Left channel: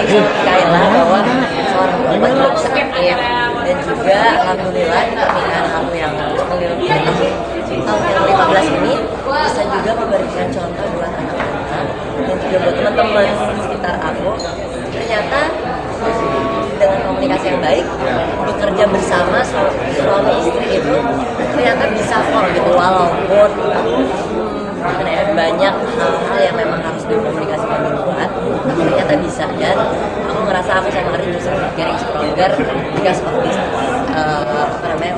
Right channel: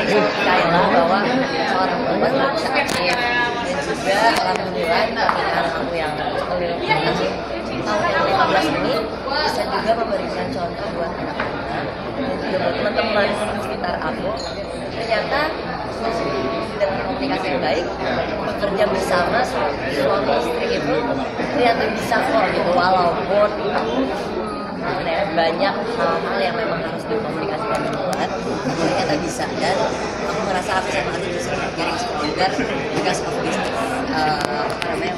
sharing sama Kayla bahwa seorang perempuan juga bisa aktif, dan juga alhamdulillah di pernikahan aku yang tahun yang 15 ini bisa juga memberikan contoh buat anak-anak dan juga buat teman-teman sekitar aku. Ternyata dengan komunikasi yang baik, bekerja bersama suami istri itu ternyata bisa kok gitu, walaupun banyak hal-hal yang memang harus dikomunikasikan duluan, ternyata bisa. Dan aku ngerasa aku sama Ardi bisa getting stronger because of this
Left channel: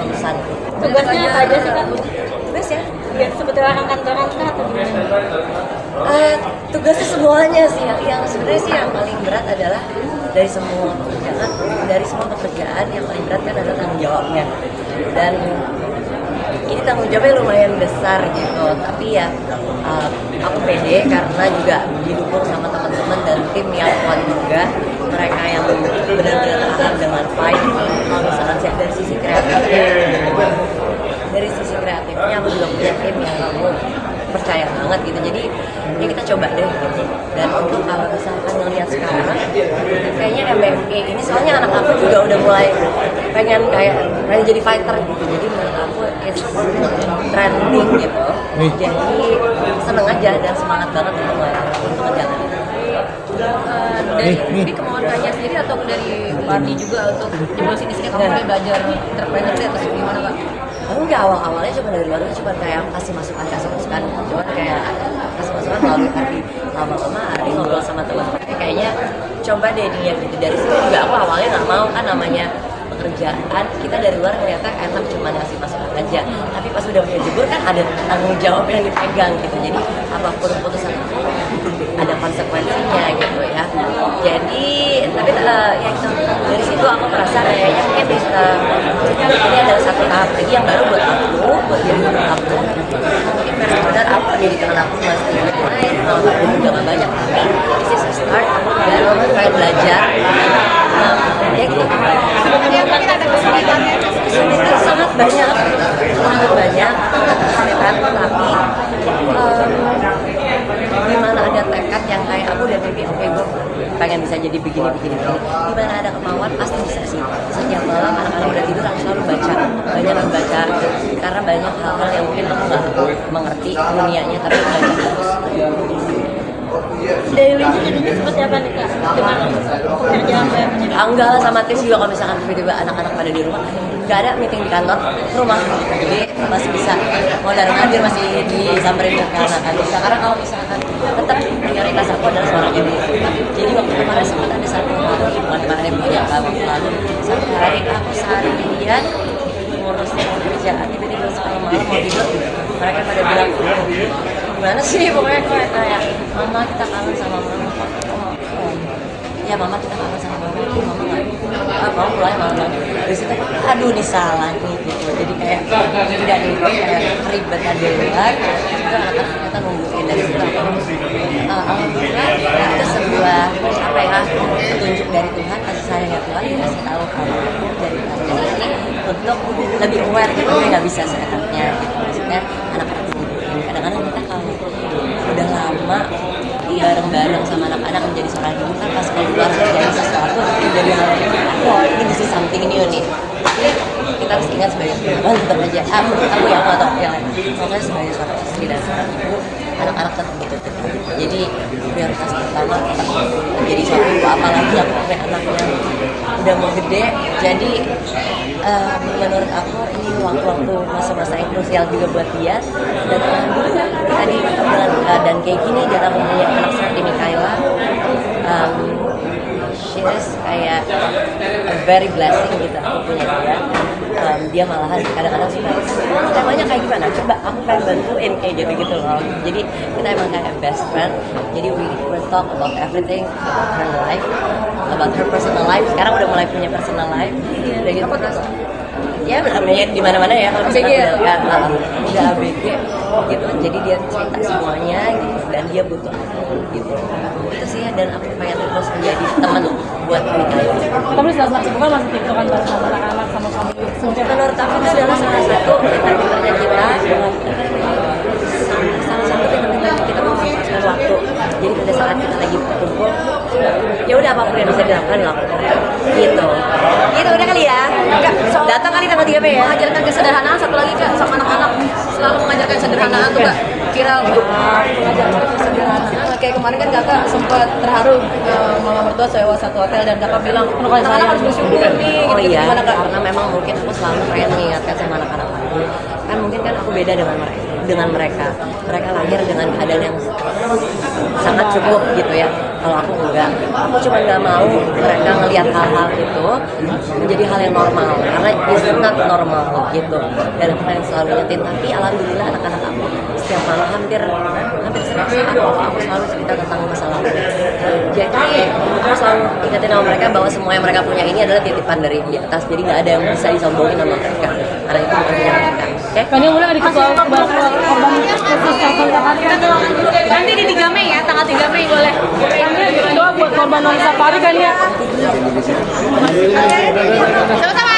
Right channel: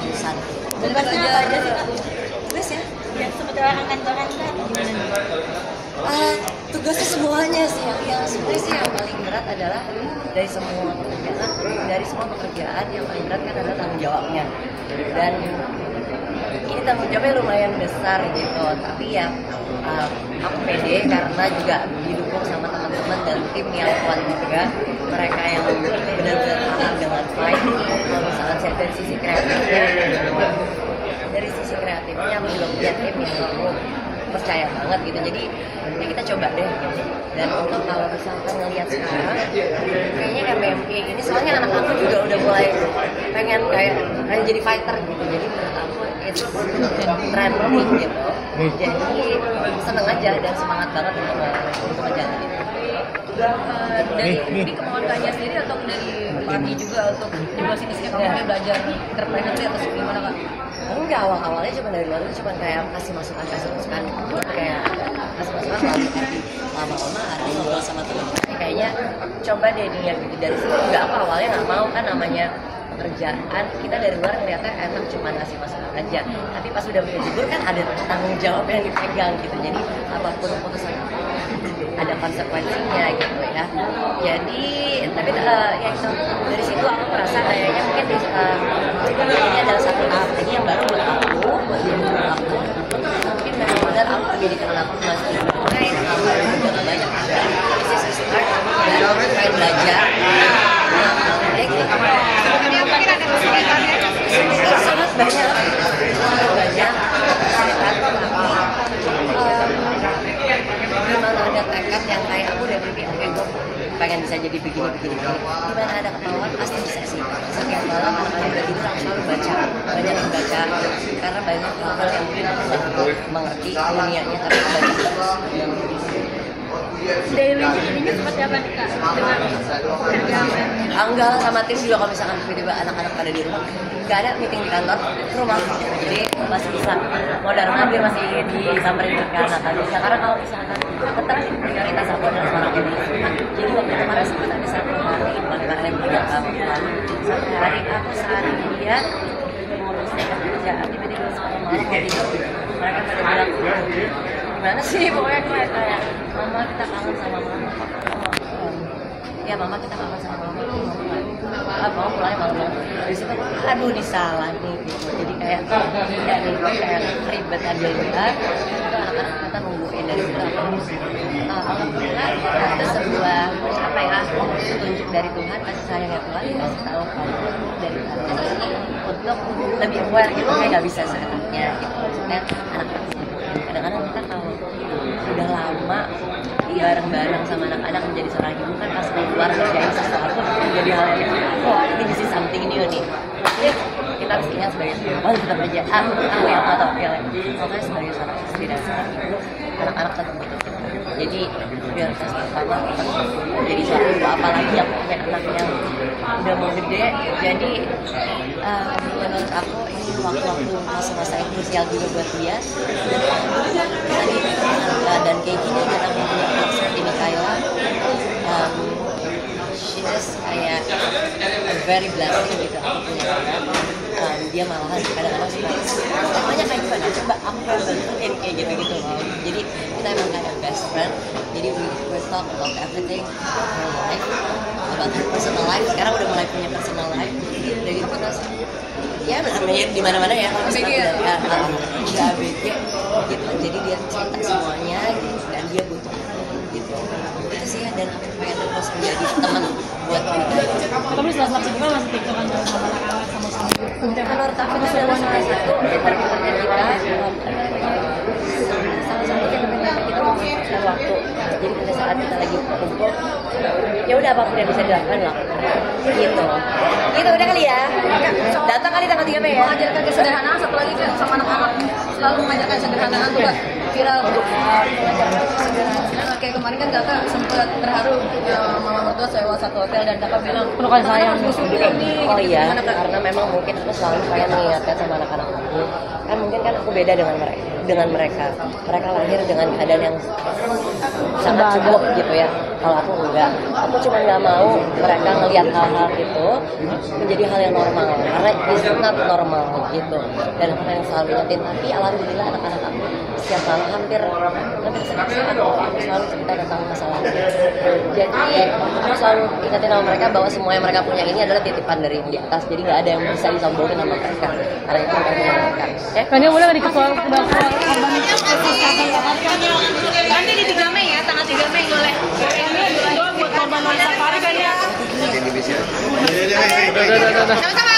urusan. Tugasnya apa aja sih Kak? Tugas ya? Ya, sebetulnya kantoran kah atau gimana? Tugasnya semuanya sih, yang sebenarnya sih yang paling berat adalah dari semua pekerjaan yang paling berat kan adalah tanggung jawabnya. Dan ini tanggung jawabnya lumayan besar gitu, tapi ya aku pede karena juga didukung sama teman-teman dan tim yang kuat juga, mereka yang benar-benar tahan dengan fight. Kalau misalkan dari sisi kreatifnya aku juga punya tim yang kamu percaya banget gitu, jadi ya kita coba deh gitu. Dan untuk kalau misalkan ngeliat sekarang kayaknya MMA ini soalnya anak aku juga udah mulai pengen jadi fighter gitu, jadi menurut aku it's trending gitu. Jadi seneng aja dan semangat banget untuk ngejalan itu. Dari kemauan Kanya sendiri atau dari pelatih juga untuk jeblosin di sini kamu udah belajar entrepreneur atau gimana Kak? Enggak, awalnya cuma dari luar, cuma kayak kasih masukan cuma kayak kasih masukan lalu, tapi lama-lama Ardi ngobrol sama teman-teman kayaknya coba deh dia gitu. Dari situ juga aku awalnya nggak mau, kan namanya pekerjaan kita dari luar ngeliatnya enak cuma ngasih masukan aja, tapi pas udah punya jebur kan ada tanggung jawab yang dipegang gitu. Jadi apapun keputusan aku ada konsekuensinya gitu ya. Jadi tapi ya itu, dari situ aku merasa kayaknya mungkin ini adalah satu tahap lagi yang baru buat aku, buat diri aku. Mungkin benar-benar apa jadi teman aku masih mulai juga nggak banyak, this is a start dan aku pengen belajar. Kemudian mungkin ada kesulitannya Sangat banyak kesulitan, tapi gimana ada tekad yang kayak aku udah mikir, oke gue pengen bisa jadi begini. Gimana ada kemauan, pasti bisa sih. Setiap malam anak-anak udah tidur aku selalu banyak membaca, karena banyak hal-hal yang mungkin aku nggak mengerti dunianya, tapi aku baca terus. Daily-nya jadinya seperti apa nih Kak? Dengan pekerjaan barunya? Enggak lah, sama tim juga kalau misalkan tiba-tiba anak-anak pada di rumah, nggak ada meeting di kantor, rumah gitu. Jadi masih bisa, mau dari ngadir masih disamperin ke anak-anak. Karena kalau misalkan tetap prioritas aku adalah seorang ibu. Jadi waktu kemarin sempat ada satu hari, kemarin banyak waktu lalu, hari aku seharian ngurus kerjaan, tiba-tiba semalam malam mau tidur, mereka pada bilang, gimana sih pokoknya kayak mama kita kangen sama mama. Ya mama kita kangen sama mama nggak mau mulai malam. Dari situ aduh disalahin gitu, jadi kayak tidak gitu, kayak keribetan di luar. Anak-anak kita nungguin dari situ. Alhamdulillah itu sebuah apa ya, petunjuk dari Tuhan, kasih sayangnya Tuhan, dikasih tahu kamu dari karya ini untuk lebih aware gitu, nggak bisa seenaknya gitu. Maksudnya anak-anak kadang-kadang kita kalau udah lama bareng-bareng sama anak-anak menjadi seorang ibu kan, pas keluar terjadi sesuatu menjadi hal yang ini bisa something new nih. Jadi kita harus ingat sebagai perempuan tetap aja aku ya atau yang pokoknya sebagai seorang istri dan seorang ibu, anak-anak tetap gitu. Jadi prioritas pertama tetap menjadi seorang ibu, apalagi aku punya anak yang udah mau gede. Jadi menurut aku ini waktu-waktu masa-masa yang krusial juga buat dia. Dan tadi dengan keadaan kayak gini dia tak punya anak seperti ini Kayla, she is kayak a very blessing gitu aku punya dia. Dia malahan kadang-kadang suka temanya kayak gimana, coba aku pengen bantuin kayak gitu loh. Jadi kita emang kayak best friend, jadi we talk about everything about her life, about her personal life. Sekarang udah mulai punya personal life udah gitu terus ya namanya di mana-mana ya kalau misalnya udah ABG gitu, jadi dia cerita semuanya gitu, dan dia butuh aku gitu. Itu sih, dan aku pengen terus menjadi teman buat mereka. Tapi salah satu kan masih itu kan sama anak-anak sama suami. Menurut aku itu adalah salah satu entrepreneurnya kita, salah satu entrepreneur kita memanfaatkan waktu. Jadi pada saat kita lagi berkumpul, ya udah apapun yang bisa Be ya. Mengajarkan kesederhanaan, satu lagi Kak, sama anak-anak selalu mengajarkan kesederhanaan tuh Kak. Kira mengajarkan kesederhanaan. Kayak kemarin kan Kakak sempat terharu mama mertua sewa satu hotel dan Kakak bilang anak-anak harus bersyukur nih Oh gitu, iya, gimana Kak? karena memang mungkin aku selalu pengen niatkan sama anak-anak aku. Kan mungkin kan aku beda dengan mereka. Mereka lahir dengan keadaan yang sangat cukup gitu ya. Kalau aku enggak, aku cuma nggak mau mereka melihat hal-hal itu menjadi hal yang normal. Karena it's not normal gitu. Dan aku pengen selalu ingetin. Tapi alhamdulillah anak-anak aku setiap malam hampir setiap saat aku selalu cerita tentang masalah. Jadi aku selalu ingetin sama mereka bahwa semua yang mereka punya ini adalah titipan dari di atas. Jadi nggak ada yang bisa disombongin sama mereka. Karena itu bukan punya mereka. Oke? Tanya boleh nggak dikasih korban Nanti di 3 Mei ya, tanggal 3 Mei boleh. doa buat korban wanita Safari kan ya? Sama-sama.